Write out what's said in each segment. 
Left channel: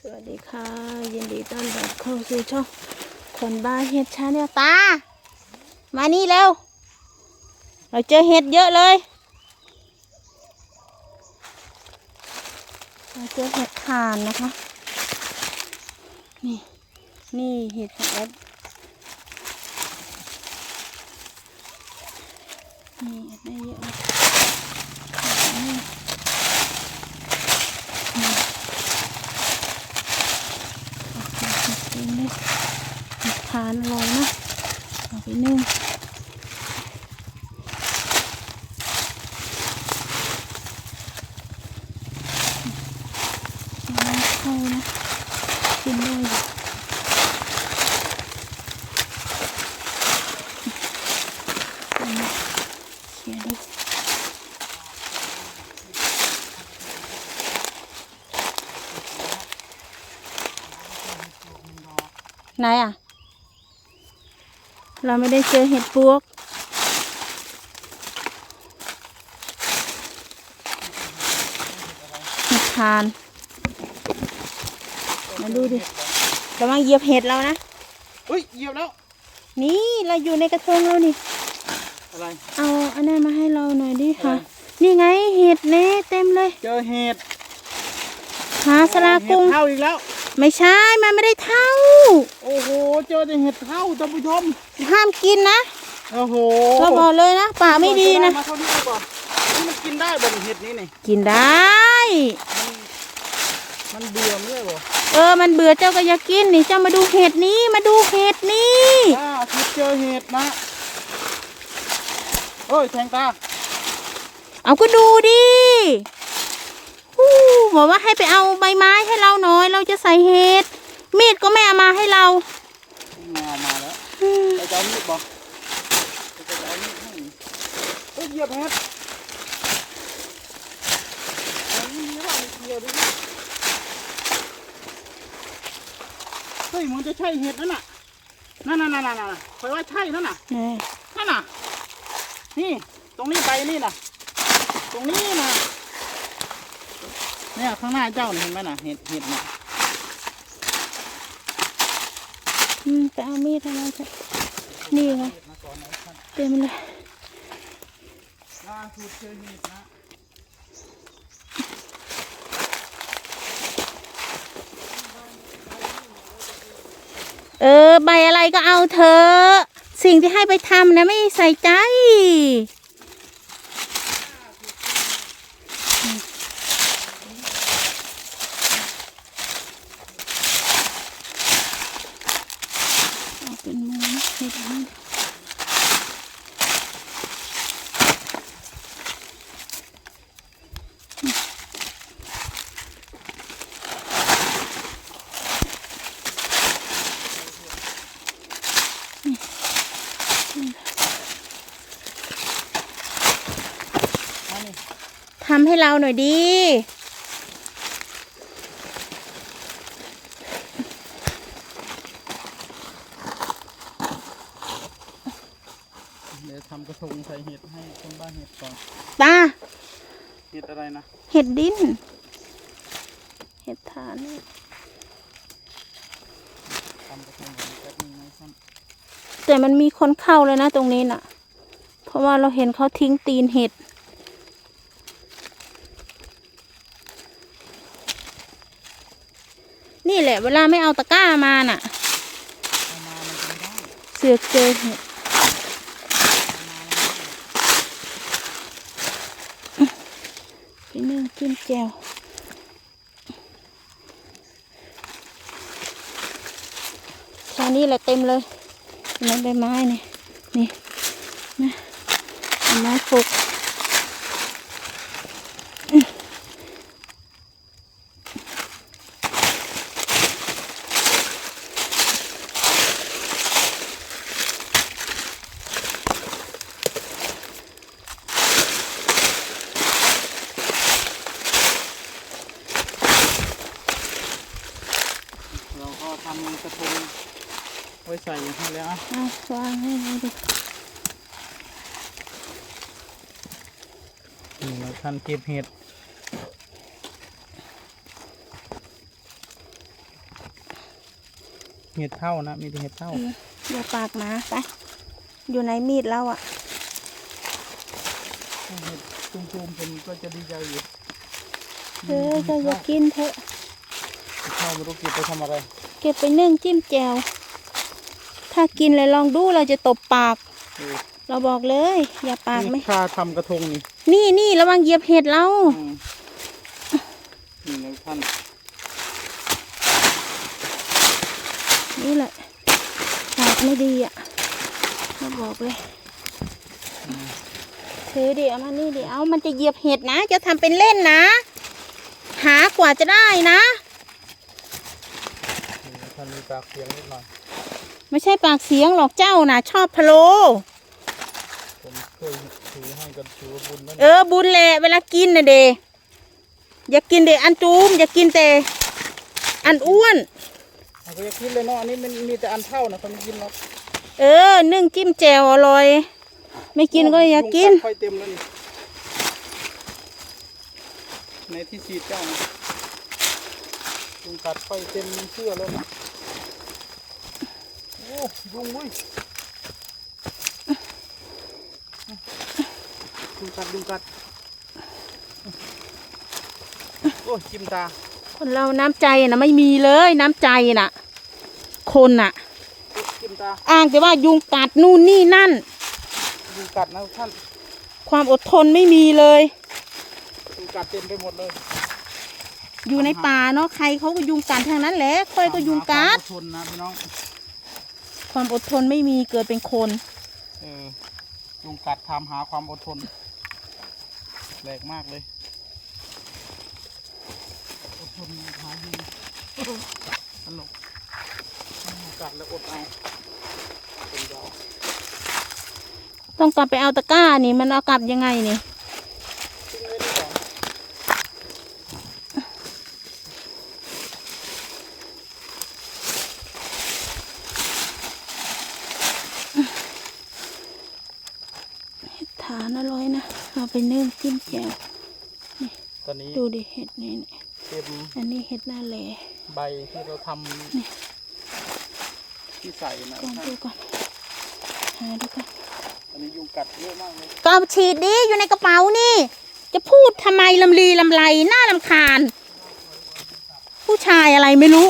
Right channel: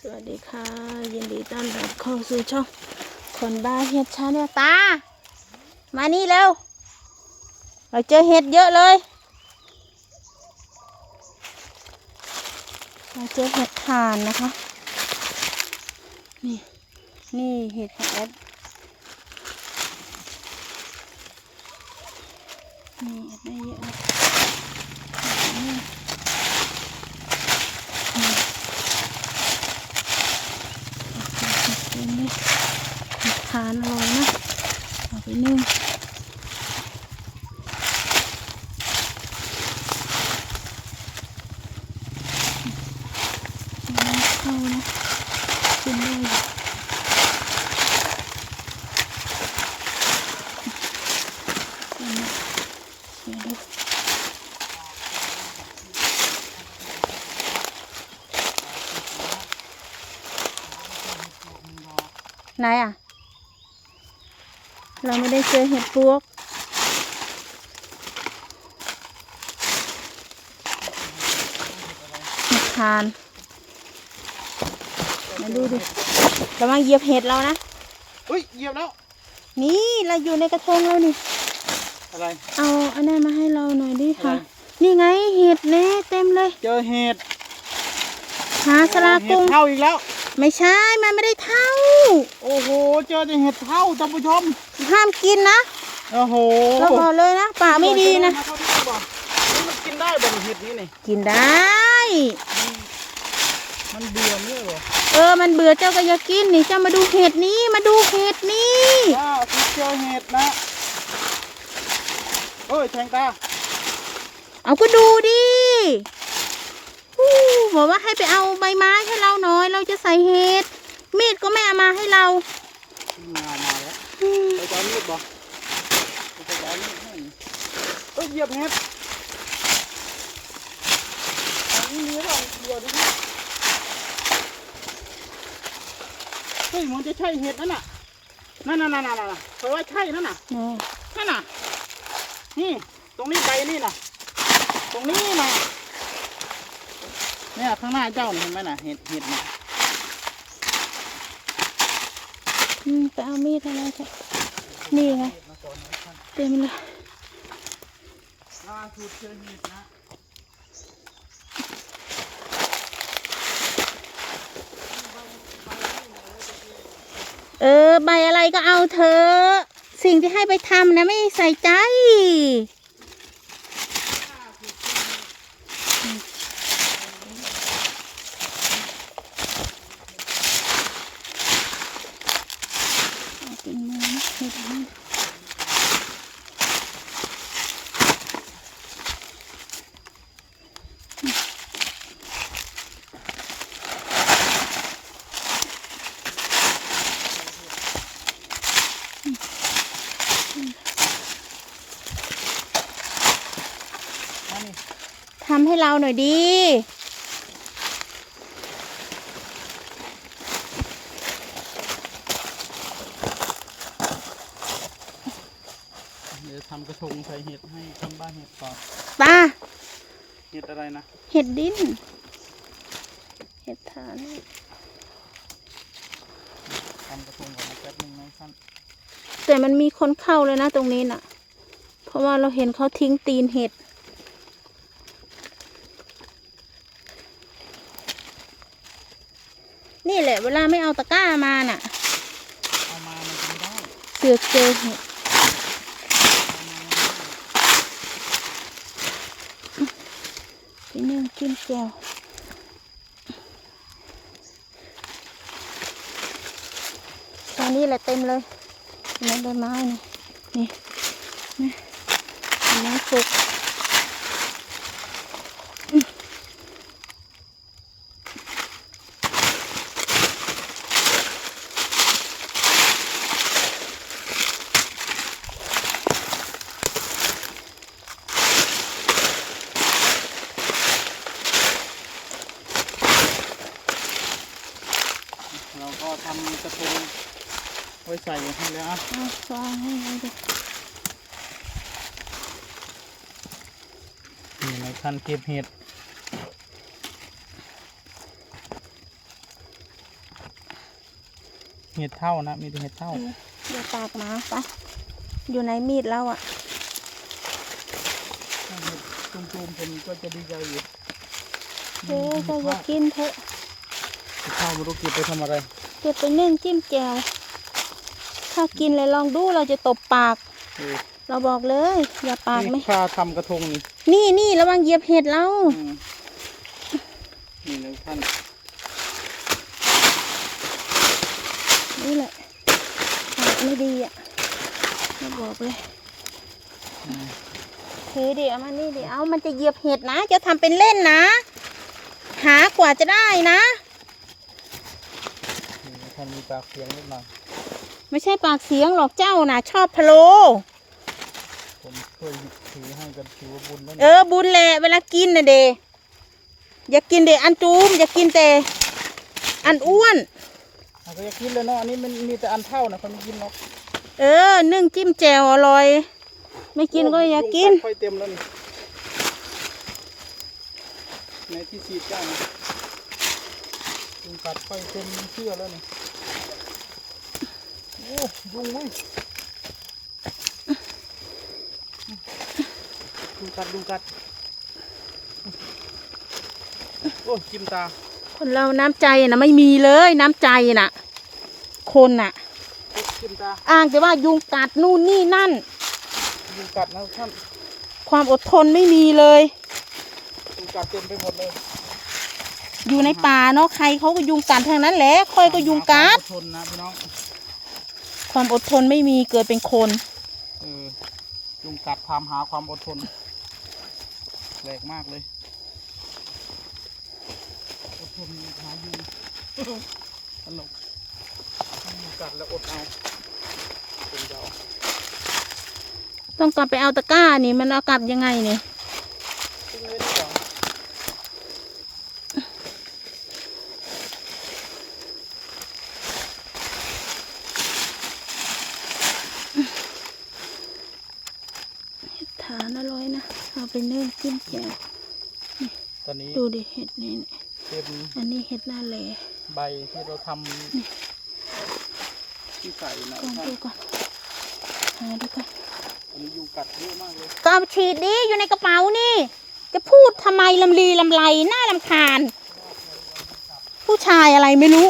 สวัสดีค่ะ ยินดีต้อนรับเข้าสู่ช่องคนบ้าเห็ดชาแนลตา มานี่เร็ว เราเจอเห็ดเยอะเลย เราเจอเห็ดถ่านนะคะ นี่ นี่เห็ดของแอดนี่แอดได้เยอะเลยนี่ เป็นนี่ ทานอร่อยนะเอาไปนึ่งน้ำเข้านะกินได้อยู่เอามาเสียดู ไหนอะ เราไม่ได้เจอเห็ดปวก เห็ดทาน มาดูดิระวังเหยียบเห็ดเรานะเฮ้ยเหยียบแล้ว นี่เราอยู่ในกระทงเรานี่ อะไร เอาอันนั้นมาให้เราหน่อยดิค่ะนี่ไงเห็ดเน่เต็มเลย เจอเห็ดหาสลาเห็กุ้ดงเท่าอีกแล้ว ไม่ใช่ มันไม่ได้เท่า โอ้โห เจอแต่เห็ดเท่าท่านผู้ชม ห้ามกินนะ โอ้โหเราบอกเลยนะป่าไม่ดีนะมาเท่านี้ก่อนมันกินได้บ่เห็ดนี้นี่ กินได้ มันเบื่อมั้ยเหรอเออ มันเบื่อเจ้าก็อยากกินนี่ เจ้ามาดูเห็ดนี้ มาดูเห็ดนี้ว้าวที่เจอเห็ดนะโอ้ยแทงตา เอาก็ดูดิฮู้ บอกว่าให้ไปเอาใบไม้ให้เราหน่อย เราจะใส่เห็ดมีดก็ไม่เอามาให้เรามามาแล้วอืมไปเอามีดบ่ไปเอามีดให้เอ้ยเหยียบเห็ดอันนี้เนื้ออะไรเดียวดิเฮ้ยมันจะใช่เห็ดนั่นน่ะนั่นนั่นนั่นนั่นน่ะคอยว่าใช่นั่นน่ะนี่นั่นน่ะนี่ตรงนี้ไปนี่น่ะตรงนี้น่ะ เนี่ยข้างหน้าเจ้าเห็นไหมน่ะเห็ดเห็ดน่ะอืมไปเอามีดให้เราเถอะนี่ไงเต็มเลยเออ ใบอะไรก็เอาเถอะ สิ่งที่ให้ไปทำนะไม่ใส่ใจ เอาเป็น มือนะเห็ดนี่ทำให้เราหน่อยดี เดี๋ยวทำกระทงใส่เห็ดให้ทำบ้านเห็ดก่อนตาเห็ดอะไรนะเห็ดดินเห็ดฐานนี่ทำกระทงก่อนแป๊บนึงนะท่านแต่มันมีคนเข้าเลยนะตรงนี้น่ะ เพราะว่าเราเห็นเขาทิ้งตีนเห็ดนี่แหละเวลาไม่เอาตะกร้ามาน่ะ เอามามันจะไม่ได้ เสือกเจอเห็ดไป นึ่งกินแจวตอนนี้แหละเต็มเลยเห็นไหมใบไม้เนี่ยนี่นะใบไม้สุกอื้อ เราก็ทำก ระทงไว้ใส่ให้แล้วอะเอาวางให้ดูดินี่เราทันเก็บเห็ดเห็ดเท่านะ มีแต่เห็ดเท่าเอ๊ะอย่าปากหมาไปอยู่ในมีดเราอะเห็ดจุ่มๆผมก็จะดีใจอยู่เออก็อย่ากินเถอะเห็ดเท่าไม่รู้เก็บไปทำอะไร เก็บไปนึ่งจิ้มแจ่วถ้ากินเลยลองดูเราจะตบปากเออเราบอกเลย อย่าปากไหมนี่ถ้าทำกระทงนี่นี่นี่ระวังเหยียบเห็ดเราอืมนี่นะท่านนี่แหละปากไม่ดีอะเราบอกเลยถือดิเอามานี่ดิเอามันจะเหยียบเห็ดนะ จะทำเป็นเล่นนะ หากว่าจะได้นะ นี่ท่านมีปากเสียงนิดหน่อยไม่ใช่ปากเสียงหรอกเจ้านะชอบพะโล ผมช่วยถือให้กันถือว่าบุญนั่นเออบุญแหละเวลากินนะเดอย่ากินเดอันจูมอย่ากินแต่อันอ้วน เขาก็จะกินเลยเนาะอันนี้มันมีแต่อันเท่านะเขาไม่กินหรอกเออนึ่งจิ้มแจ่วอร่อย ไม่กินก็อย่ากินยุงค่อยเต็มแล้วนี่ในที่ฉีดเจ้านะยุงกัดค่อยเต็มเชื่อแล้วนะโอ้ ยุงเว้ยยุงกัดยุงกัดโอ้จิ้มตา คนเราน้ำใจนะไม่มีเลยน้ำใจน่ะ คนน่ะจิ้มตาอ้างแต่ว่ายุงกัดนู่นนี่นั่น ยุงกัดนะท่านความอดทนไม่มีเลยยุงกัดเต็มไปหมดเลยอยู่ในป่าเนาะใครเขาก็ยุงกัดทั้งนั้นแหละค่อยก็ยุงกัดความอทนนะพี่น้อง ความอดทนไม่มีเกิดเป็นคนเออยุงกัดทำหาความอดทนแปลกมากเลยอดทนหายุงสนุกยุงกัดแล้วอดเอาเป็นดอกต้องกลับไปเอาตะกร้านี่มันเอากลับยังไงนี่ ทิ้งไว้ดีกว่า ฐานอร่อยนะ เอาไปนึ่งจิ้มแจ่วตอนนี้ดูดิเห็ดนี่นี่เป็นอันนี้เห็ดหน้าแหล่ใบที่เราทำที่ใส่นะก่อนดูก่อนหาดูก่อนอันนี้ยุงกัดเยอะมากเลยกาวฉีดดิอยู่ในกระเป๋านี่ จะพูดทำไมลำลีลำไรหน้าลำคาญ ผู้ชายอะไรไม่รู้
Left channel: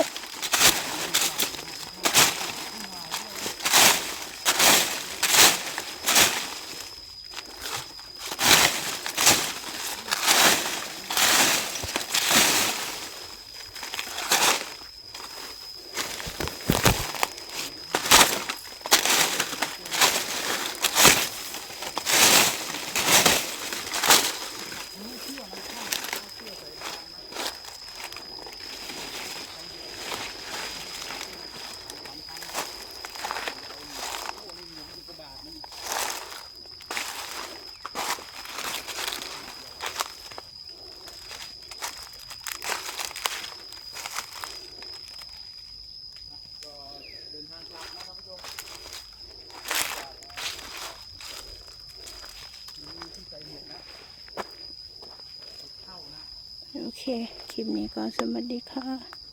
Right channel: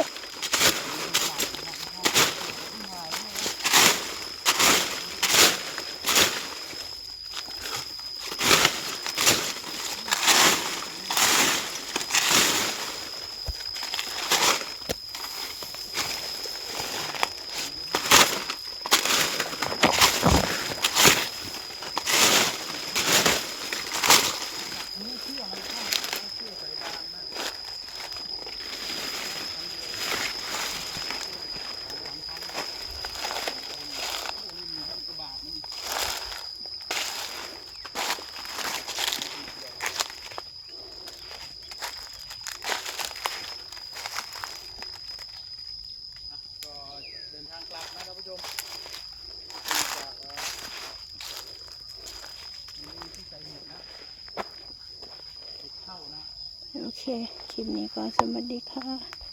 ค คลิปนี้ก็สวัสดีค่ะ